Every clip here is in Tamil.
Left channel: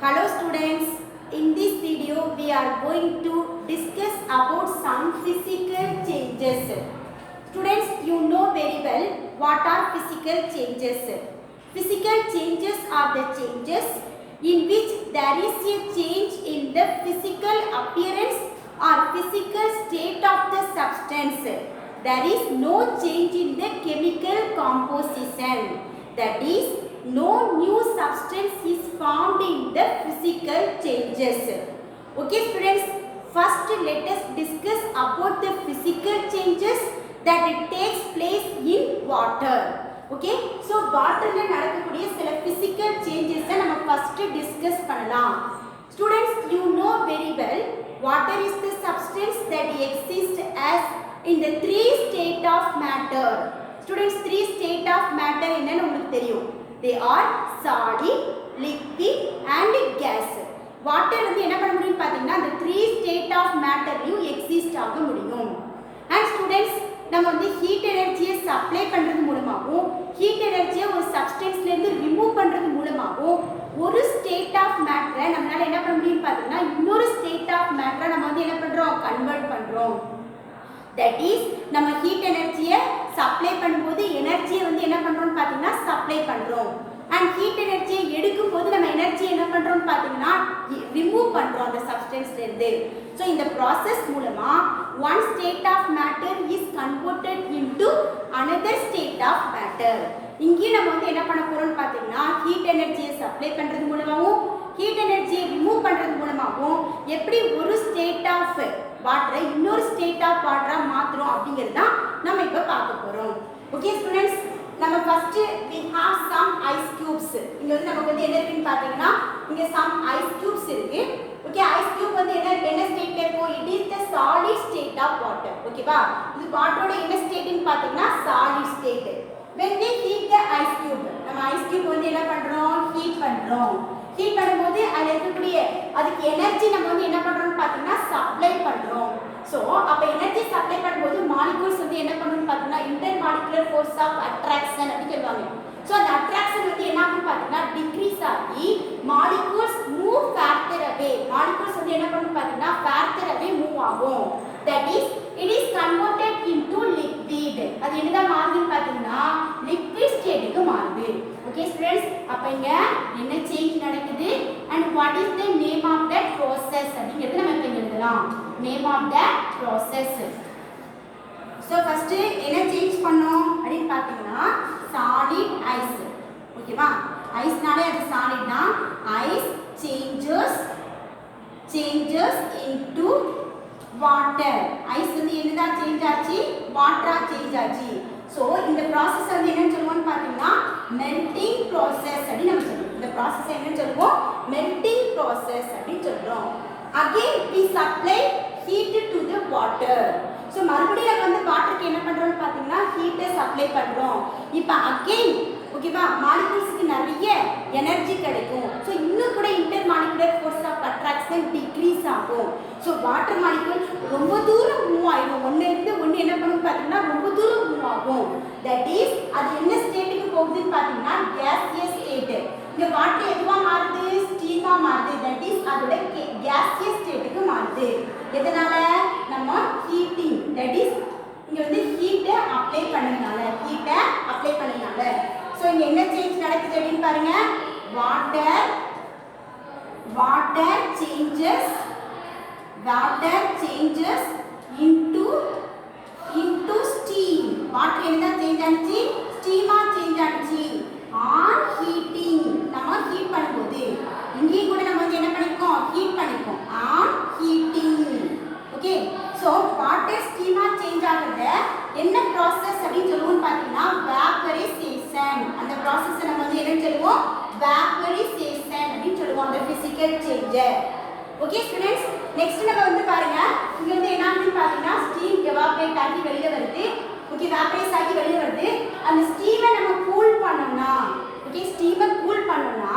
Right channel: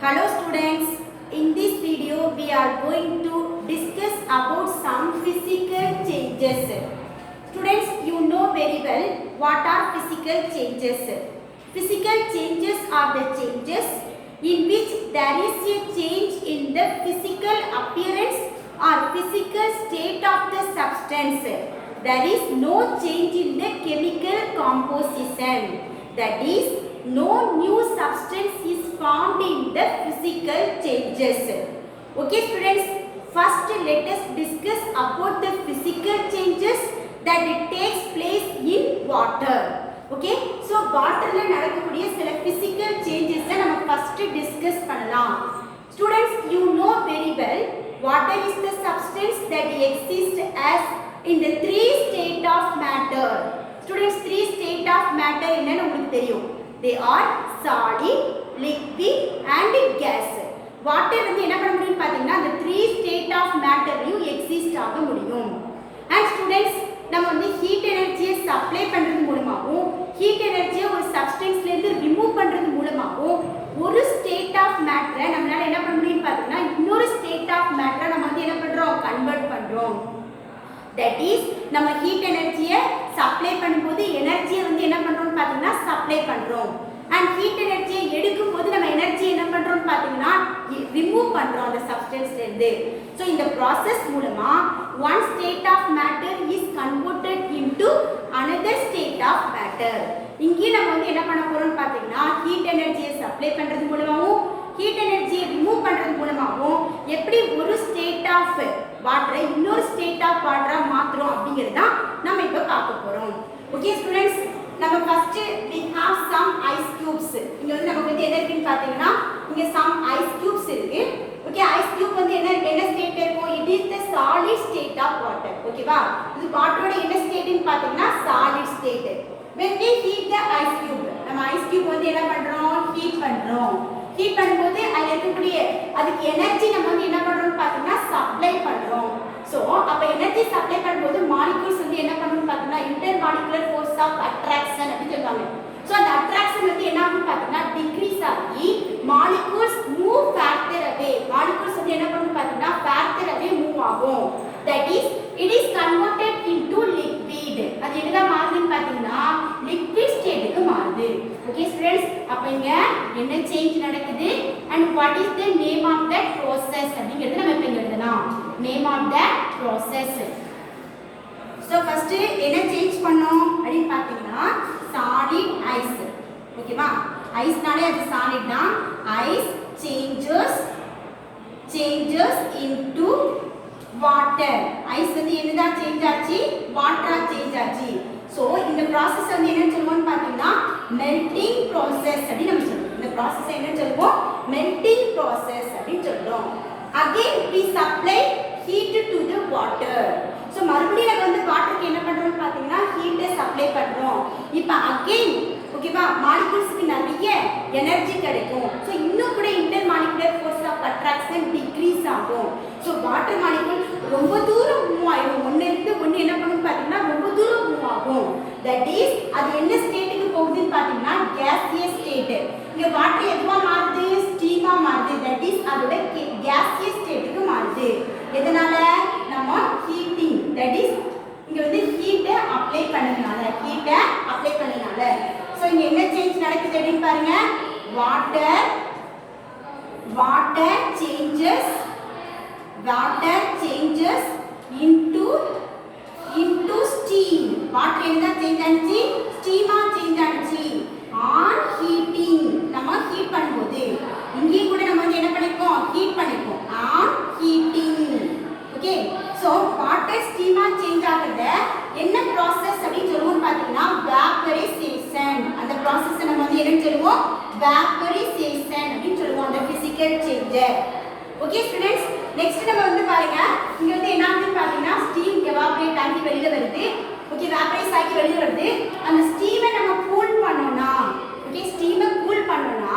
Hello students, in this video we are going to discuss about some physical changes. Students, you know very well what are physical changes. Physical changes are the changes in which there is a change in the physical appearance or physical state of the substance. There is no change in the chemical composition. That is, no new substance is formed in the physical changes. Okay students, first let us discuss about the physical changes that it takes place in water. Okay, so water la nadakக்கூடிய சில physical changes நம்ம first discuss பண்ணலாம். Students, you know very well water is the substance that exists as in the three state of matter. Students, three state of matter என்னன்னு உங்களுக்கு தெரியும். They are solid, liquid and gas. Water வந்து என்ன பண்ண முடியும் பாத்தீங்கன்னா அந்த three state of matterலயும் exist ஆக முடியும். And students, நம்ம வந்து heat energy supply பண்றது மூலமாவும் heat energy ஒரு substanceல இருந்து remove பண்றது மூலமாவும் ஒரு state of matter நம்மளால என்ன பண்ண முடியும் பாத்தீங்கன்னா இன்னொரு state of matter நம்ம வந்து என்ன பண்றோம் convert பண்றோம். That is, நம்ம heat energy supply பண்ணும்போது energy வந்து என்ன பண்றோம் பாத்தீங்கன்னா supply பண்றோம். And heat energy எடுக்கும்போது நம்ம energy என்ன பண்றோம் பாத்தீங்கன்னா remove பண்றோம் அந்த substanceல இருந்து. So இந்த process மூலமா one state of matter is converted into another state of matter. இங்கே நம்ம வந்து என்ன பண்ண போறோம் பாத்தீங்கன்னா heat energy supply பண்றது மூலமாவும் heat energy remove பண்றது மூலமாவும் எப்படி ஒரு state of water இன்னொரு state of water மாத்துறோம் அப்படிங்கிறது தான் நம்ம இப்ப பார்க்க போறோம். Okay students, நம்ம first we have some ice cubes. இங்க வந்து நமக்கு வந்து என்ன இருக்குன்னு பாத்தீங்கன்னா இங்க some ice cubes இருக்கு. Okay, ice cube வந்து என்ன ஸ்டேட்ல இருக்கும்? It is the solid state of water. ஓகேவா? இது வாட்டரோட என்ன ஸ்டேட்னு பாத்தீங்கன்னா solid state. When we heat the ice cube, நம்ம ice cube வந்து என்ன பண்றோம்? heat பண்றோம். heat பண்ணும்போது அதுல இருக்கக்கூடிய அதுக்கு எனர்ஜி நம்ம வந்து என்ன பண்றோம்னு பாத்தீங்கன்னா சப்ளை பண்றோம். சோ அப்ப எனர்ஜி சப்ளை பண்ணும்போது மாலிக்யூல்ஸ் வந்து என்ன பண்ணும்னு பாத்தீங்கன்னா inter molecular force of attraction அப்படி சொல்வாங்க. சோ அந்த அட்ராக்ஷன் வந்து என்ன ஆகும் பாத்தீங்கன்னா டிக்ரீஸ் ஆகி மாலிக்யூல்ஸ் மூவ் ஃபர்தர் அவே. மாலிக்யூல்ஸ் வந்து என்ன பண்ணும் பாத்தீங்கன்னா ஃபர்தர் அவே மூவ் ஆகும். That is it is converted into liquid. அது என்னதான் மாறுதுன்னு பாத்தீங்கன்னா லிக்விட் ஸ்டேட்டுக்கு மாறுது. ஓகே ஸ்டூடண்ட்ஸ், அப்ப இங்க என்ன சேஞ்ச் நடக்குது and what is the name of that process அப்படிங்கிறது நம்ம இப்ப எழுதலாம். name of that process. so first என்ன சேஞ்ச் பண்ணோம் அப்படினு பாத்தீங்கன்னா solid ice. ஓகேவா? ஐஸ்னாலே அது solid தான். ice changes into water. Ice வந்து என்னதா சேஞ்ச் ஆச்சு? வாட்டரா சேஞ்ச் ஆச்சு. சோ இந்த process வந்து என்னன்னு சொல்லுவோம்னு பாத்தீங்கன்னா melting process அப்படி நம்ம சொல்றோம். இந்த process என்னன்னு சொல்லுவோம்? melting process அப்படி சொல்றோம். again we supply heat to the water. So மறுபடியும் நம்ம வந்து வாட்டருக்கு என்ன பண்றோம்னு பாத்தீங்கன்னா ஹீட் சப்ளை பண்றோம். இப்போ again ஓகேவா மாலிக்யூல்ஸ்க்கு நிறைய எனர்ஜி கிடைக்கும். சோ இன்னும் கூட inter molecular force of attraction decrease ஆகும். சோ வாட்டர் மாலிக்யூல் ரொம்ப தூரம் மூவ் ஆகும். ஒண்ணு இருந்து ஒண்ணு என்ன பண்ணும் பாத்தீங்கன்னா ரொம்ப தூரம் மூவ் ஆகும். தட் இஸ் அது என்ன ஸ்டேட்டுக்கு போகுதுன்னு பாத்தீங்கன்னா gaseous state. இங்க வாட்டர் எதுவா மாறுது? ஸ்டீமா மாறுது. தட் இஸ் அதோட gaseous ஸ்டேட்டுக்கு மாறுது. எதனால? நம்ம ஹீட்டிங். தட் இஸ் இங்க வந்து ஹீட் அப்ளை பண்ணனால சோ இங்க என்ன சேஞ்ச் நடக்குது அப்படினு பாருங்க. water changes into steam. water என்ன சேஞ்ச் ஆச்சு? ஸ்டீமா சேஞ்ச் ஆச்சு. on heating நம்ம ஹீட் பண்ணும்போது இங்கே கூட நம்ம வந்து என்ன பண்ணிருக்கோம்? ஹீட் பண்ணிருக்கோம். on heating. Okay, so water ஸ்டீமா சேஞ்ச் ஆகுது. என்ன process அப்படினு சொல்லுவோம் பாத்தீங்கன்னா vaporization. அந்த process நம்ம வந்து என்ன சொல்லுவோம்? vaporization அப்படினு சொல்லுவோம் அந்த physical change. Okay students, next நம்ம வந்து பாருங்க இங்க வந்து என்ன ஆகுதுன்னு பாத்தீங்கன்னா ஸ்டீம் எவாபரேட் ஆகி வெளியில வருது. ஓகே, வேப்பரைஸ் ஆகி வெளியில வருது. அந்த ஸ்டீமை நம்ம கூல் பண்ணோம்னா ஸ்டீமை கூல் பண்ணோம்னா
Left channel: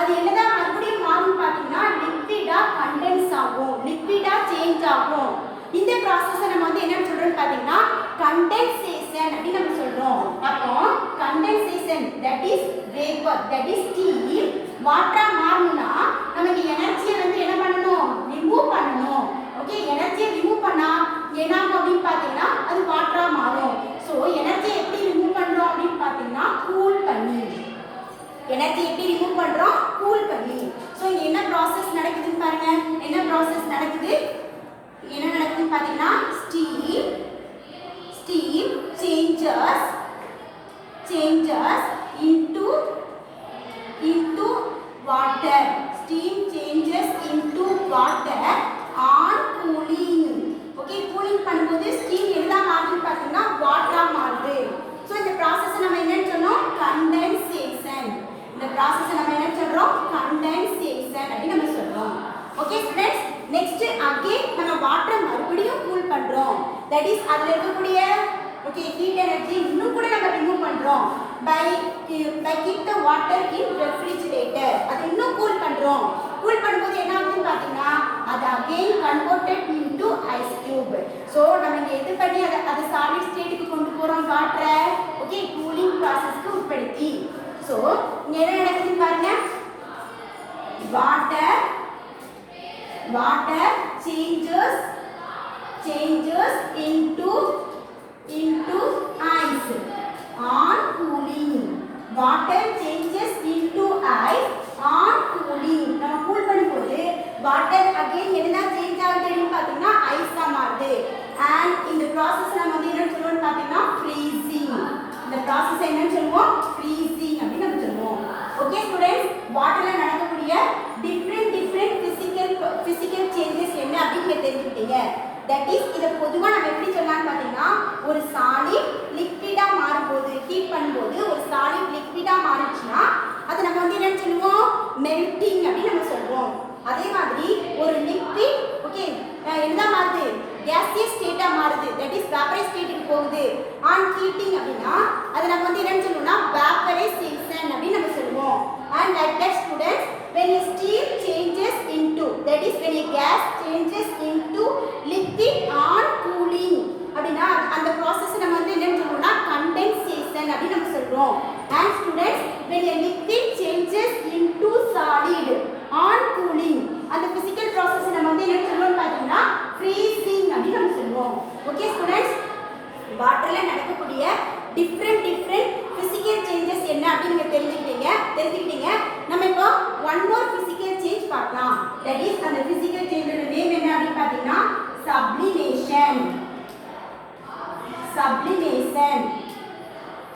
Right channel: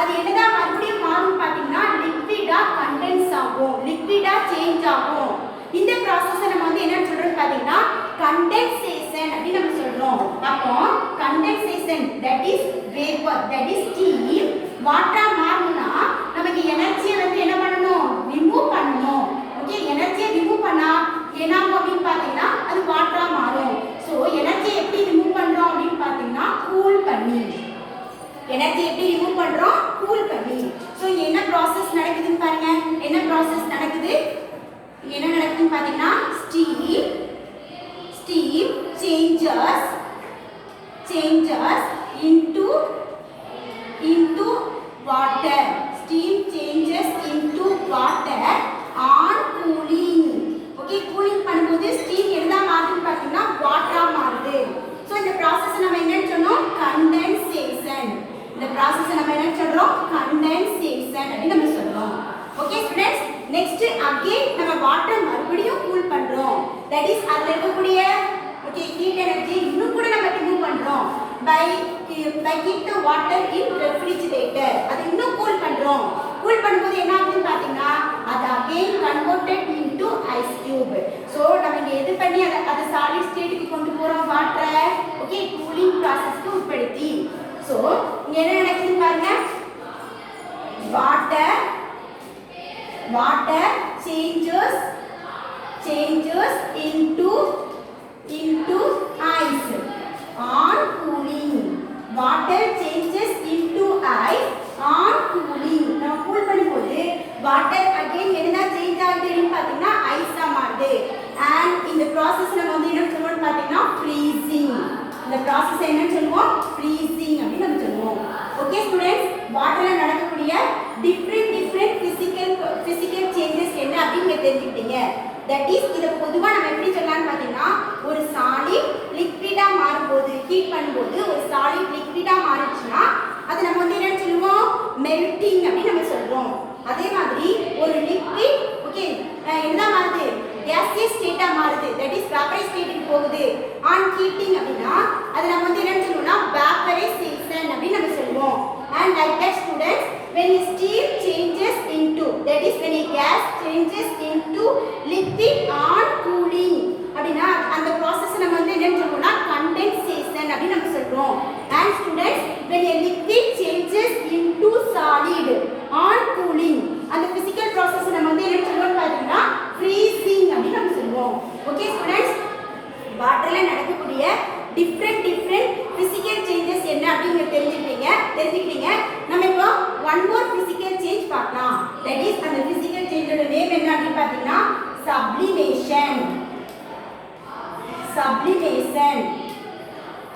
அது என்னதான் மறுபடியும் மாறும் பாத்தீங்கன்னா லிக்விடா கண்டென்ஸ் ஆகும், லிக்விடா சேஞ்ச் ஆகும். இந்த process நம்ம வந்து என்ன சொல்றோம் பாத்தீங்கன்னா condensation அப்படி நம்ம சொல்றோம். அப்போ condensation that is vapor, that is steam, water மாறுனா நம்ம வாட்டரை மறுபடியும் கூல் பண்றோம். தட் இஸ் அதுல இருக்கக்கூடிய ஓகே ஹீட் எனர்ஜி இன்னும் கூட நம்ம ரிமூவ் பண்றோம் by keep the water in refrigerator. அது இன்னும் கூல் பண்றோம். கூல் பண்ணும்போது என்ன ஆகுதுன்னு பாத்தீங்கன்னா அது again converted into ice cube. so நம்ம இங்க எது பண்ணி அத solid stateக்கு கொண்டு போறோம் வாட்டரை ஓகே கூலிங் processக்கு உட்படுத்தி. so இங்க என்ன நடக்குதுன்னு பாருங்க water changes into ice on cooling. water changes into ice on cooling. நம்ம கூல் பண்ணும்போது water again என்ன சேஞ்ச் ஆகுதுன்னு பாத்தீங்கன்னா ஐஸா மாறுது. and இந்த process நம்ம வந்து என்ன சொல்றோம்னு பாத்தீங்கன்னா freezing. இந்த process என்னன்னு சொல்லுவோம் freezing அப்படி நம்ம சொல்லுவோம். ஓகே ஸ்டூடண்ட்ஸ், வாட்டர்ல நடக்கக்கூடிய டிஃபரண்ட் physical changes என்ன அப்படிங்க தெரிஞ்சுக்கிட்டீங்க. தட் இஸ் இத பொதுவா நம்ம எப்படி சொல்லலாம்னு பாத்தீங்கன்னா ஒரு சாலிட் லிக்விடா மாறும்போது ஹீட் பண்ணும்போது ஒரு சாலிட் லிக்விடா மாறுச்சுனா அது நம்ம வந்து என்ன சொல்லுவோம் மெல்டிங் அப்படி நம்ம சொல்றோம். அதே மாதிரி ஒரு லிக்விட் ஓகே என்ன மாறுது gaseous ஸ்டேட்டா மாறுது. தட் இஸ் வேப்பரைஸ் ஸ்டேட்டுக்கு போகுது ஆன் ஹீட்டிங் அப்படினா அது நம்ம வந்து என்ன சொல்லுவோம்னா வேப்பரைசேஷன் அப்படி நம்ம சொல்லுவோம். and like that students, when a steam changes into, that is when a gas changes into liquid on cooling அப்படினா அந்த process நம்ம வந்து என்ன சொல்றோம்னா condensation அப்படி நம்ம சொல்றோம். and students, when a liquid changes into solid on cooling அந்த physical process நம்ம வந்து என்ன சொல்றோம்னு பாத்தீங்கன்னா freezing அப்படி நம்ம சொல்றோம். ஓகே ஸ்டூடண்ட்ஸ், வாட்டர்ல நடக்கக்கூடிய டிஃபரண்ட் physical changes என்ன அப்படிங்க தெரிஞ்சுக்கிட்டீங்க. நம்ம இப்போ one more physical change பார்க்கலாம். that is அந்த physical change ஓட நேம் என்ன அப்படி பாத்தீங்கன்னா sublimation.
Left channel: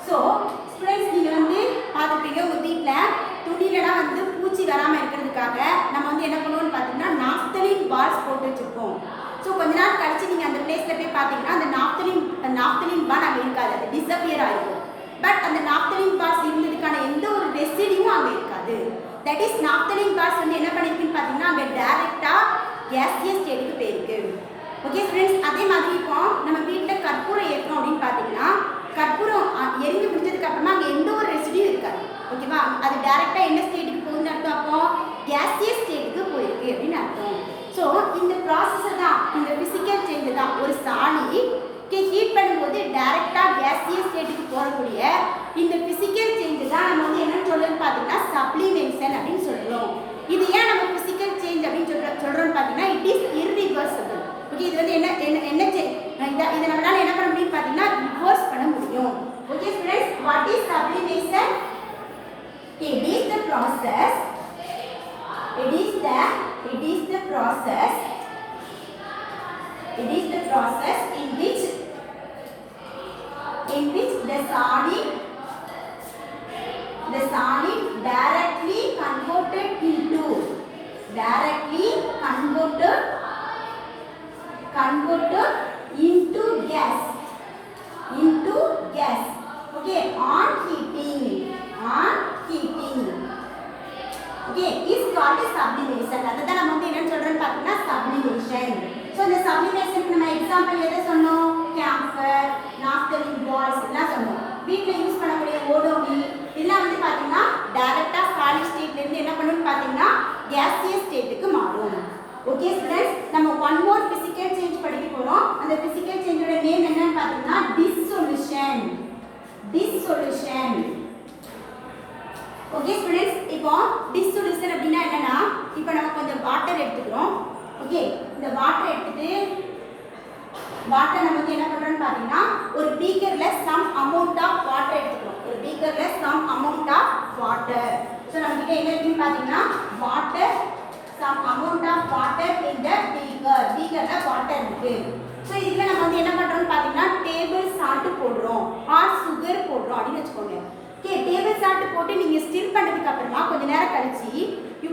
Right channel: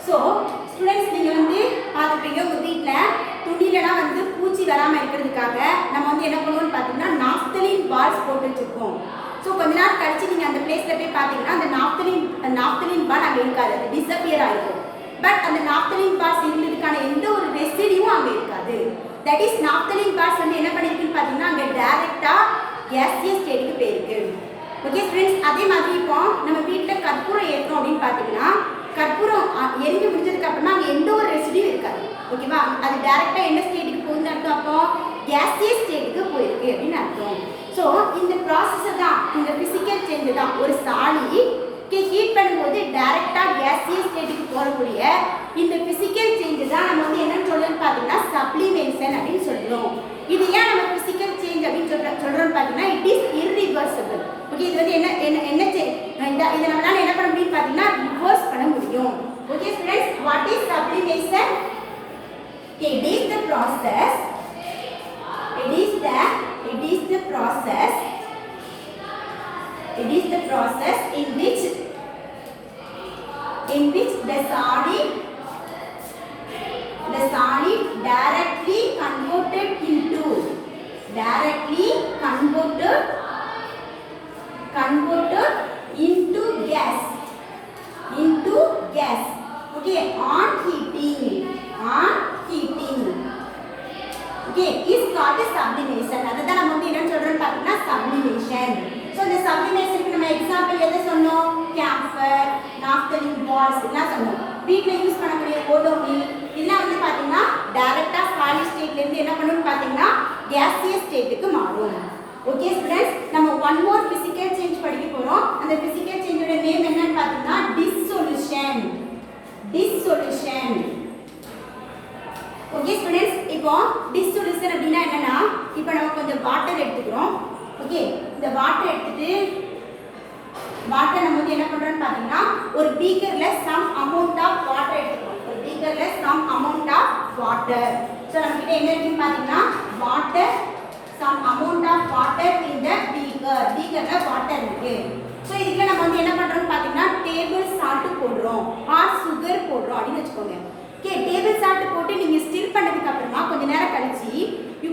so students, நீங்க வந்து பாத்துட்டீங்க உங்க வீட்ல துணிலலாம் வந்து பூச்சி வராம இருக்கிறதுக்காக நம்ம வந்து என்ன பண்ணுவோம்னு பாத்தீங்கன்னா நாப்தலின் பால்ஸ் போட்டு வச்சிருப்போம். ஸோ கொஞ்ச நாள் கழிச்சு நீங்கள் அந்த பிளேஸில் போய் பார்த்தீங்கன்னா அந்த நாப்தலின் பால் அங்கே இருக்காது, அது டிஸப்பியர் ஆகிருக்கும். பட் அந்த நாப்தலின் பால்ஸ் இருந்ததுக்கான எந்த ஒரு ரெசிடியும் அங்கே இருக்காது. தட் இஸ் நாப்தலின் பால்ஸ் வந்து என்ன பண்ணியிருக்குன்னு பார்த்தீங்கன்னா அங்கே டைரெக்டாக கேசியஸ் ஸ்டேட்டுக்கு போயிருக்கு. ஓகே ஃப்ரெண்ட்ஸ், அதே மாதிரி இப்போ நம்ம வீட்டில் கற்பூரம் ஏற்றுறோம் அப்படின்னு பார்த்தீங்கன்னா கற்பூரம் எரிஞ்சு முடிஞ்சதுக்கு அப்புறமா அங்கே எந்த ஒரு ரெசிடியும் இருக்காது. ஓகேவா, அது டைரெக்டாக என்ன ஸ்டேட்டுக்கு போகுதுன்னு அர்த்தம், அப்போ கேசியஸ் ஸ்டேட்டுக்கு போயிருக்கு அப்படின்னு அர்த்தம். ஸோ இந்த ப்ராசஸ் தான் இந்த ஃபிசிக்கல் சேஞ்ச் தான். ஒரு சாலிட்க்கு ஹீட் பண்ணும்போது டைரெக்டாக கேசியஸ் ஸ்டேட்டுக்கு போகக்கூடிய இந்த ஃபிசிக்கல் சேஞ்ச் தான் நம்ம வந்து என்னன்னு சொல்லணும்னு பார்த்தீங்கன்னா சப்ளிமேஷன் அப்படின்னு சொல்கிறோம். இது ஏன் நம்ம ஃபிசிக்கல் சேஞ்ச் அப்படின்னு சொல்கிறோம்னு பார்த்தீங்கன்னா இட் இஸ் இர்ரிவர்சிபிள். ஓகே, இது வந்து இதை நம்மளால என்ன பண்ண முடியும்னு பார்த்தீங்கன்னா ரிவர்ஸ் பண்ண முடியும். Okay students, what is sublimation? It is the process in which the solid directly converted into gas okay on heating okay is called sublimation. அதுதான் நம்ம வந்து என்ன சொல்றோம்னு பார்த்தீங்கன்னா sublimation. ஸோ இந்த சப்ளிமேஷனுக்கு நம்ம எக்ஸாம்பிள் எதை சொன்னோம்? கேம்பர், நாப்தலின் பால்ஸ் எல்லாம் சொன்னோம். வீட்டில் யூஸ் பண்ணக்கூடிய ஓடோனில் இதெல்லாம் வந்து பார்த்தீங்கன்னா டைரெக்டாக சாலிட் ஸ்டேட்லேருந்து என்ன பண்ணணும்னு பார்த்தீங்கன்னா கேசியஸ் ஸ்டேட்டுக்கு மாறும். ஓகே ஸ்டூடெண்ட்ஸ், நம்ம ஒன் மோர் ஃபிசிக்கல் சேஞ்ச் படிக்க போகிறோம். அந்த ஃபிசிக்கல் சேஞ்சோட நேம் என்னன்னு பார்த்தீங்கன்னா டிஸ்சொல்யூஷன். ஓகே ஸ்டூடெண்ட்ஸ், இப்போ டிஸ்சொல்யூஷன் அப்படின்னா என்னன்னா, இப்போ நம்ம கொஞ்சம் வாட்டர் எடுத்துக்கிறோம். ஓகே, இந்த வாட்டர் எடுத்துட்டு வாட்டர் நம்ம வந்து என்ன பண்றோம்னு பார்த்தீங்கன்னா ஒரு பீக்கர்ல சம் அமௌண்ட் ஆஃப் வாட்டர் எடுத்துக்கிறோம். ஒரு பீக்கர்ல some amount of water. So நம்ம கிட்ட என்ன இருக்குன்னு பார்த்தீங்கன்னா water, some amount of water இந்த பீக்கர்ல வாட்டர் இருக்கு. ஸோ இதுல நம்ம வந்து என்ன பண்றோம்னு பார்த்தீங்கன்னா டேபிள் சால்ட் போடுறோம் ஆர் சுகர் போடுறோம் அப்படின்னு வச்சுக்கோங்க. ஓகே, டேபிள் சால்ட் போட்டு நீங்க ஸ்டிர் பண்ணதுக்கு அப்புறமா கொஞ்ச நேரம் கழிச்சு you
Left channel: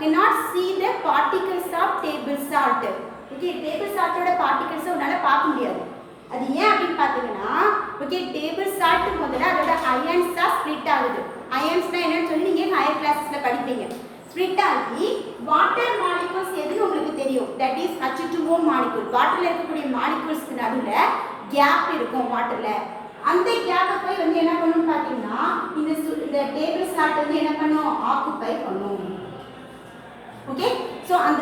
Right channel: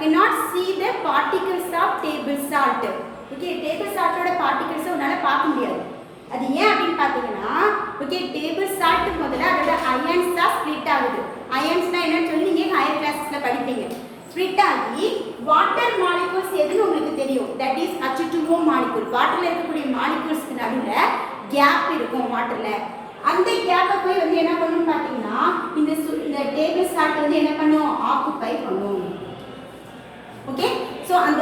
cannot see the particles of table salt. Okay, table சால்ட்டோட பார்ட்டிகல்ஸ் உன்னால பார்க்க முடியாது. அது ஏன் அப்படின்னு பார்த்தீங்கன்னா ஓகே டேபிள் சால்ட் முதல்ல அதோட அயன்ஸ் தான் ஸ்ப்ளிட் ஆகுது. அயன்ஸ்னா என்னன்னு சொல்லி நீங்கள் ஹையர் கிளாஸஸ்ல படிப்பீங்க. ஸ்ப்ளிட் ஆகி வாட்டர் மாலிகூல்ஸ் எதுன்னு உங்களுக்கு தெரியும். That is H2O molecule. வாட்டர்ல இருக்கக்கூடிய மாலிகூல்ஸ்க்கு நடுவில் கேப் இருக்கும் வாட்டர்ல. அந்த கேப்பை போய் வந்து என்ன பண்ணுன்னு பார்த்தீங்கன்னா இந்த டேபிள் சால்ட் வந்து என்ன பண்ணும், ஆக்குபை பண்ணும். ஓகே, ஸோ அந்த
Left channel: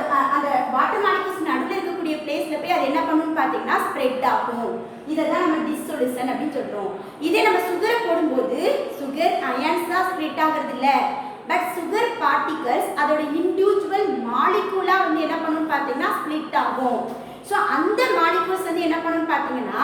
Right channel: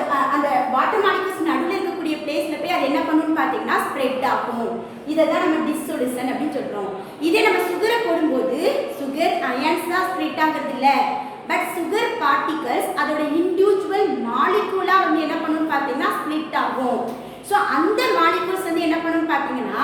வாட்டர் மாலிகூல்ஸ் நடுவில் இருக்கக்கூடிய பிளேஸ்ல போய் அது என்ன பண்ணுன்னு பார்த்தீங்கன்னா ஸ்ப்ரெட் ஆகும். இதை தான் நம்ம டிஸ்சொல்யூஷன் அப்படின்னு சொல்றோம். இதே நம்ம சுகரை போடும்போது சுகர் அயன்ஸ் தான் ஸ்ப்ளிட் ஆகிறது இல்லை, பட் சுகர் பார்ட்டிகல்ஸ் அதோட இண்டிவிஜுவல் மாலிகூலா வந்து என்ன பண்ணுன்னு பார்த்தீங்கன்னா ஸ்ப்ளிட் ஆகும். ஸோ அந்த மாலிகூல்ஸ் வந்து என்ன பண்ணுன்னு பார்த்தீங்கன்னா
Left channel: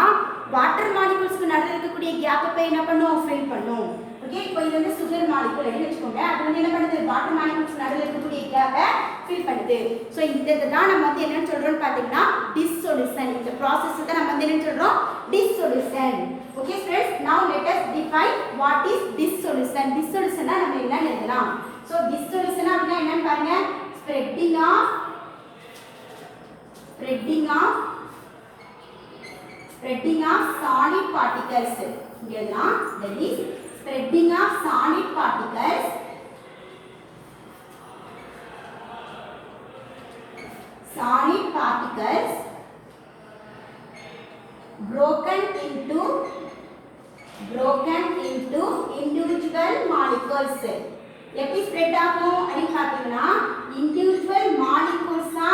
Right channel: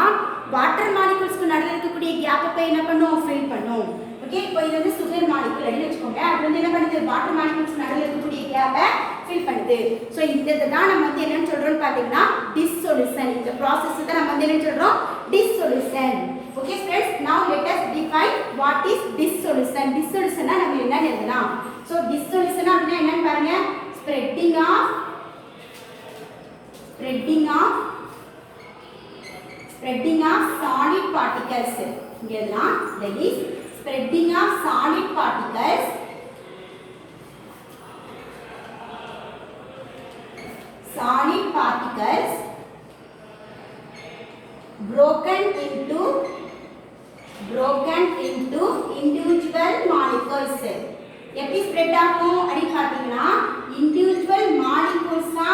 வாட்டர் மாலிகூல்ஸ்க்கு நடுவில் இருக்கக்கூடிய கேப்பை போய் என்ன பண்ணும், ஃபில் பண்ணும். ஓகே, இப்போ இது வந்து சுகர் மாலிகூல் எடுத்து வச்சுக்கோங்க. அது வந்து என்ன பண்ணுது, வாட்டர் மாலிகூல்ஸ் நடுவில் இருக்கக்கூடிய கேப்பை ஃபில் பண்ணுது. ஸோ இந்த தான் நம்ம வந்து என்னன்னு சொல்றோம்னு பார்த்தீங்கன்னா டிஸ்சொல்யூஷன். இந்த ப்ராசஸ் தான் நம்ம வந்து என்ன சொல்றோம், dissolution. Okay friends, now let us define what is dissolution. Dissolution நம்ம என்னன்னு எழுதலாம். ஸோ டிஸ்சொல்யூஷன் அப்படின்னா என்னன்னு பாருங்க, spreading of solid particles. இங்க எல்லாம் that is spreading of solid particles broken into individual molecules. எப்படி ஸ்ப்ரெட் ஆகும் அப்படி பார்த்தீங்கன்னா இண்டிவிஜுவல் மாலிகூல்ஸா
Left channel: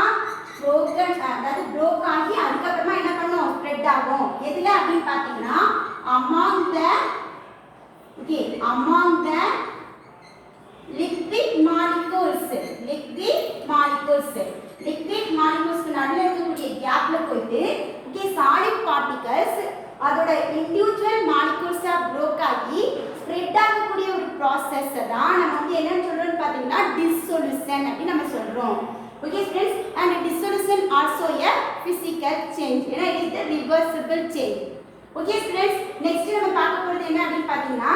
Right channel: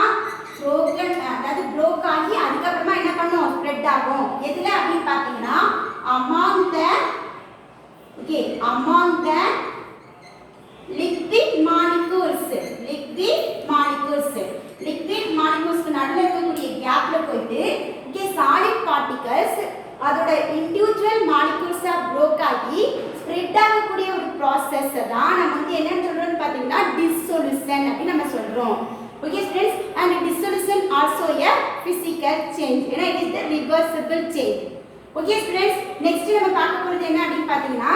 அதாவது ப்ரோக் ஆகி அதுக்கப்புறமா என்ன பண்ணும், ஸ்ப்ரெட் ஆகும். எதுல அப்படின்னு பார்த்தீங்கன்னா among the liquid molecules நடுவில் இருக்கக்கூடிய கேப்ல போயிட்டு சாலிட் பார்ட்டிகல்ஸ் அதோட இண்டிவிஜுவல் மாலிகூல்ஸா ப்ரோக் ஆகி ஸ்ப்ரெட் ஆகக்கூடிய ஒரு ப்ராசஸ் தான் நம்ம வந்து என்னன்னு சொல்றோம்னு பார்த்தீங்கன்னா டிஸ்சொல்யூஷன் அப்படின்னு நம்ம சொல்றோம். Okay friends, and dissolution also a physical change. ஏன்னா it is the reversible change. Okay friends, next நம்ம பார்க்க போறது என்ன அப்படின்னு பார்த்தீங்கன்னா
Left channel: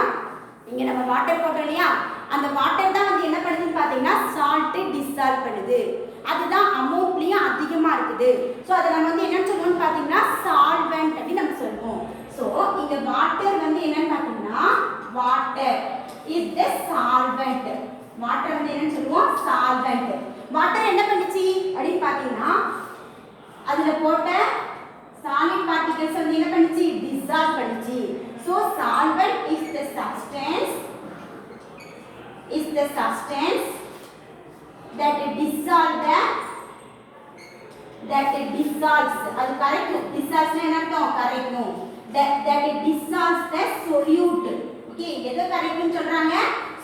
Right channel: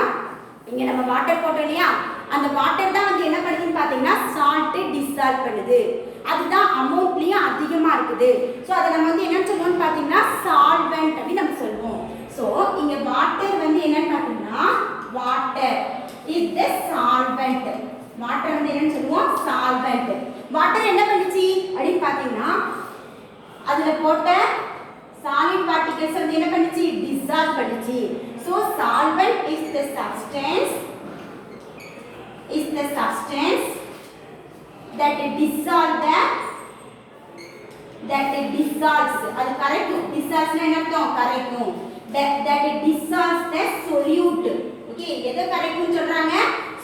இங்க நம்ம வாட்டர் போட்டோம் இல்லையா, அந்த வாட்டர் தான் வந்து என்ன பண்ணுதுன்னு பார்த்தீங்கன்னா சால்ட் டிசால்வ் பண்ணுது. அதுதான் அமௌண்ட்லயும் அதிகமா இருக்குது. ஸோ அதை நம்ம வந்து என்னன்னு சொல்லுவோம்னு பார்த்தீங்கன்னா சால்வெண்ட் அப்படின்னு நம்ம சொல்லுவோம். ஸோ இங்க வாட்டர் வந்து என்னன்னு பார்த்தீங்கன்னா water is the solvent. Water வந்து என்னன்னு சொல்லுவோம், சால்வெண்ட். வாட்டர் என்ன பண்ணுச்சு அப்படின்னு பார்த்தீங்கன்னா அதுல போட்ட solid particles வந்து என்ன பண்ணுச்சு, dissolve பண்ணுச்சு. So solvent is the substance that dissolves அது கரெக்ட். dissolves என்ன அர்த்தம், correct. that dissolves the solute. Okay, எதை கரெக்ட்னு சொல்றாங்க,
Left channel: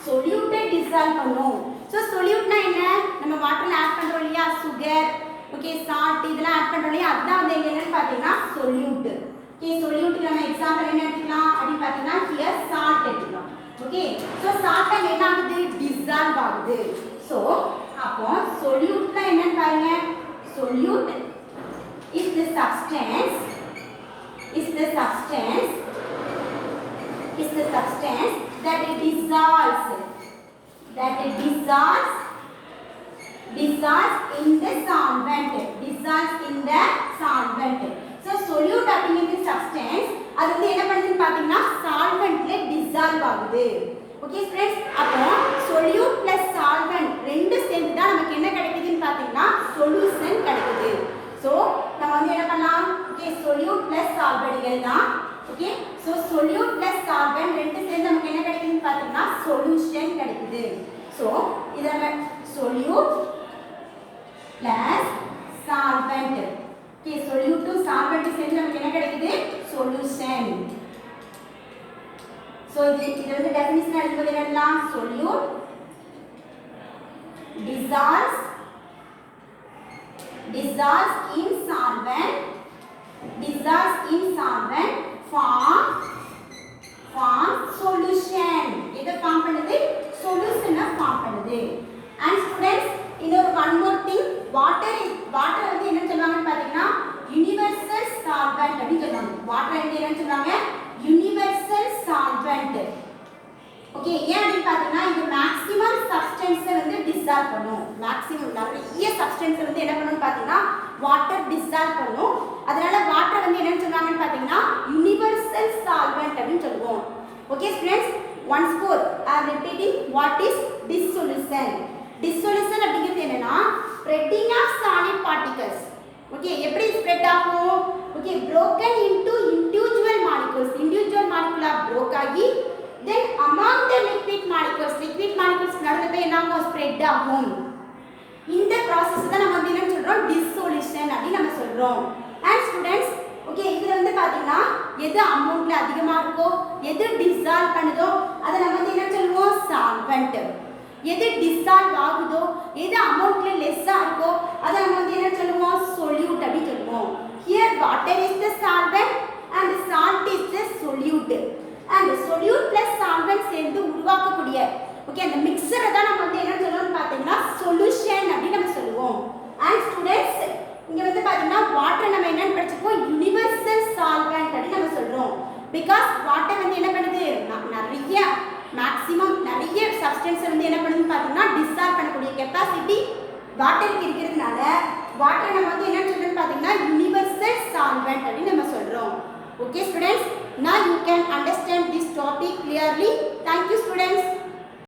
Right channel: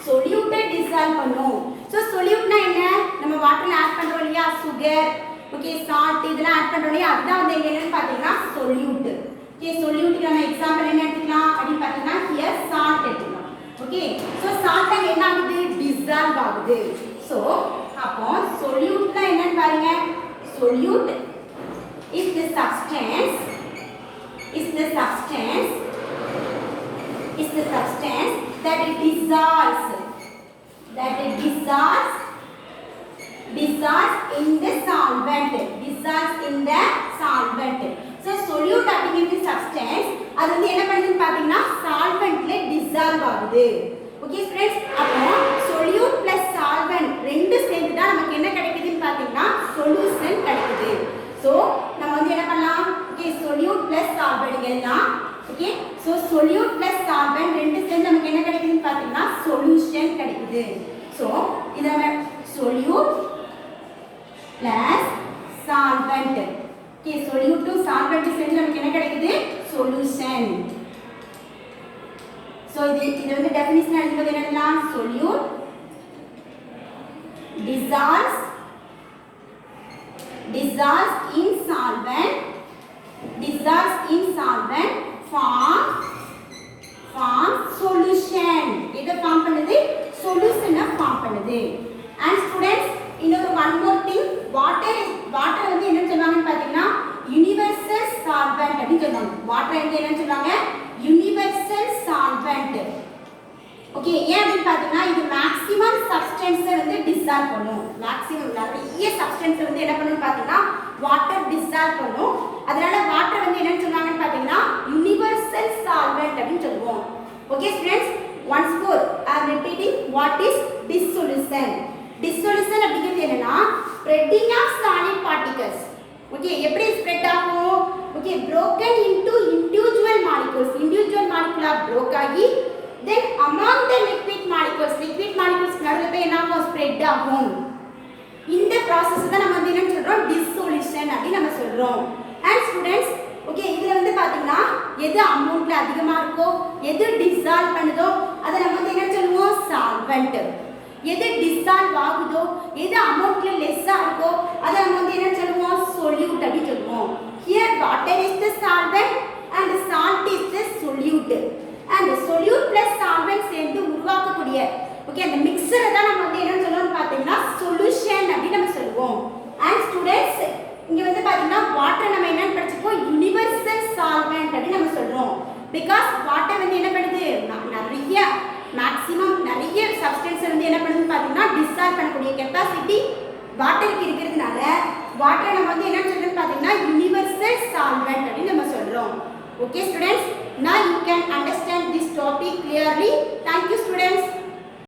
solute dissolve பண்ணும். So solute என்ன, நம்ம வாட்டர்ல ஆட் பண்றோம் இல்லையா, சுகர் ஓகே சால்ட் இதெல்லாம் ஆட் பண்றோம் இல்லையா, அதுதான் வந்து என்னன்னு பார்த்தீங்கன்னா solute. ஓகே, solute நம்ம எக்ஸாம்பிள் என்ன எடுத்துக்கலாம் அப்படின்னு பார்த்தீங்கன்னா here salt எடுத்துக்கலாம். ஓகே, ஸோ சால்ட் அங்க என்ன ஆகுது, டிசால்வ் ஆகுது. ஸோ அப்போ solute என்னன்னு பாருங்க, solute is the substance that it dissolves in the solvent. So solute அப்படிங்கிறது substance, அது வந்து என்ன பண்ணுதுன்னு பார்த்தீங்கன்னா சால்வெண்ட்ல டிசால்வ் ஆகுது. ஓகே ஃப்ரெண்ட்ஸ், அப்போ solute plus solvent ரெண்டு சேர்ந்து தான் நமக்கு என்ன கிடைக்குதுன்னு பார்த்தீங்கன்னா சொல்யூஷன் கிடைக்குது. ஸோ நம்ம வந்து என்ன பண்ணலாம், ஓகே solute plus solvent எல்லாம் okay. So solute plus solvent ரெண்டு சேர்ந்து நமக்கு என்ன கிடைக்குதுன்னு பார்த்தீங்கன்னா சொல்யூஷன் கிடைக்குது. ஸோ இதை solute plus solvent. Okay, solute to solvent சேர்ந்து நமக்கு என்ன கிடைக்குது, solution. So இது வந்து டெஃபினிஷன் எழுதும்போது என்னன்னா solute dissolves in solvent form solution. இத ஃபார்ம் பண்ணுது, சொல்யூஷனை ஃபார்ம் பண்ணுது. And students, இன்னொரு one more thing, water வந்து என்ன சொல்றாங்கன்னு பாத்தீங்கன்னா யுனிவர்சல் சால்வெண்ட் அப்படி சொல்றாங்க. வாட்டர் வந்து என்ன சொல்றாங்க, யுனிவர்சல் சால்வெண்ட். ஓகே, ஏன் அப்படின்னு பாத்தீங்கன்னா இது மேக்ஸிமம் சப்ஸ்டன்ஸை வந்து டிசால்வ் பண்ணும். மேக்ஸிமம் நிறைய சப்ஸ்டன்ஸை வந்து என்ன பண்ணுன்னு பாத்தீங்கன்னா வாட்டர் டிசால்வ் பண்ணும். அதனால வாட்டர் வந்து என்னன்னு சொல்றாங்கன்னு பாத்தீங்கன்னா யுனிவர்சல் சால்வெண்ட் அப்படின்னு சொல்லுவோம். Okay students, once more I am repeating what is dissolution. dissolution அப்படிங்கிறது என்னன்னா spreading of solid particles. Okay எப்படி ஸ்ப்ரெட் ஆகும்? Okay broken into individual molecules. Individual molecule broke ஆகி then among the liquid molecules நடுவுல போய் என்ன ஆகும்? ஸ்ப்ரெட் ஆகும். இந்த process தான் நம்ம வந்து என்ன சொல்றோம்? dissolution அப்படி நம்ம சொல்றோம். And students ஓகே இதுல வந்து பாத்தீங்கன்னா எது அமௌண்ட்ல அதிகமா இருக்கோ எது டிசால்வ் பண்ணுதோ அதை நம்ம வந்து என்ன சொல்லுவோம்? சால்வெண்ட். எது டிசால்வ் ஆகுதோ எது அமௌண்ட்ல லெஸ்ஸா இருக்கோ அதை நம்ம வந்து என்ன சொல்லுவோம்? solute அப்படி சொல்லுவோம். Here water is the solvent and salt is the solute. And solute plus solvent சேர்ந்து உருவாக்கக்கூடிய ஓகே அந்த மிக்ஸரை தான் நம்ம வந்து என்ன சொல்லுவோம் பாத்தீங்கன்னா சொல்யூஷன் அப்படி நம்ம சொல்லுவோம். And students இங்க வந்து பாத்தீங்கன்னா வாட்டர் நம்ம என்னன்னு படிச்சிருக்கோம்? யுனிவர்சல் சால்வெண்ட் அப்படி நம்ம சொல்றோம். பிகாஸ் வாட்டர் வந்து என்ன பண்ணுது? நிறைய மேக்ஸிமம் நிறைய சப்ஸ்டன்ஸ் வந்து என்ன பண்ணுது பாத்தீங்கன்னா டிசால்வ் பண்ணக்கூடிய கெபாசிட்டி வாட்டருக்கு இருக்கிறதுனால வாட்டரை நம்ம வந்து என்ன சொல்றோம் பாத்தீங்கன்னா யுனிவர்சல் சால்வெண்ட் அப்படி நம்ம சொல்றோம். Okay students, now you can understand this topic clearly. Thank you students.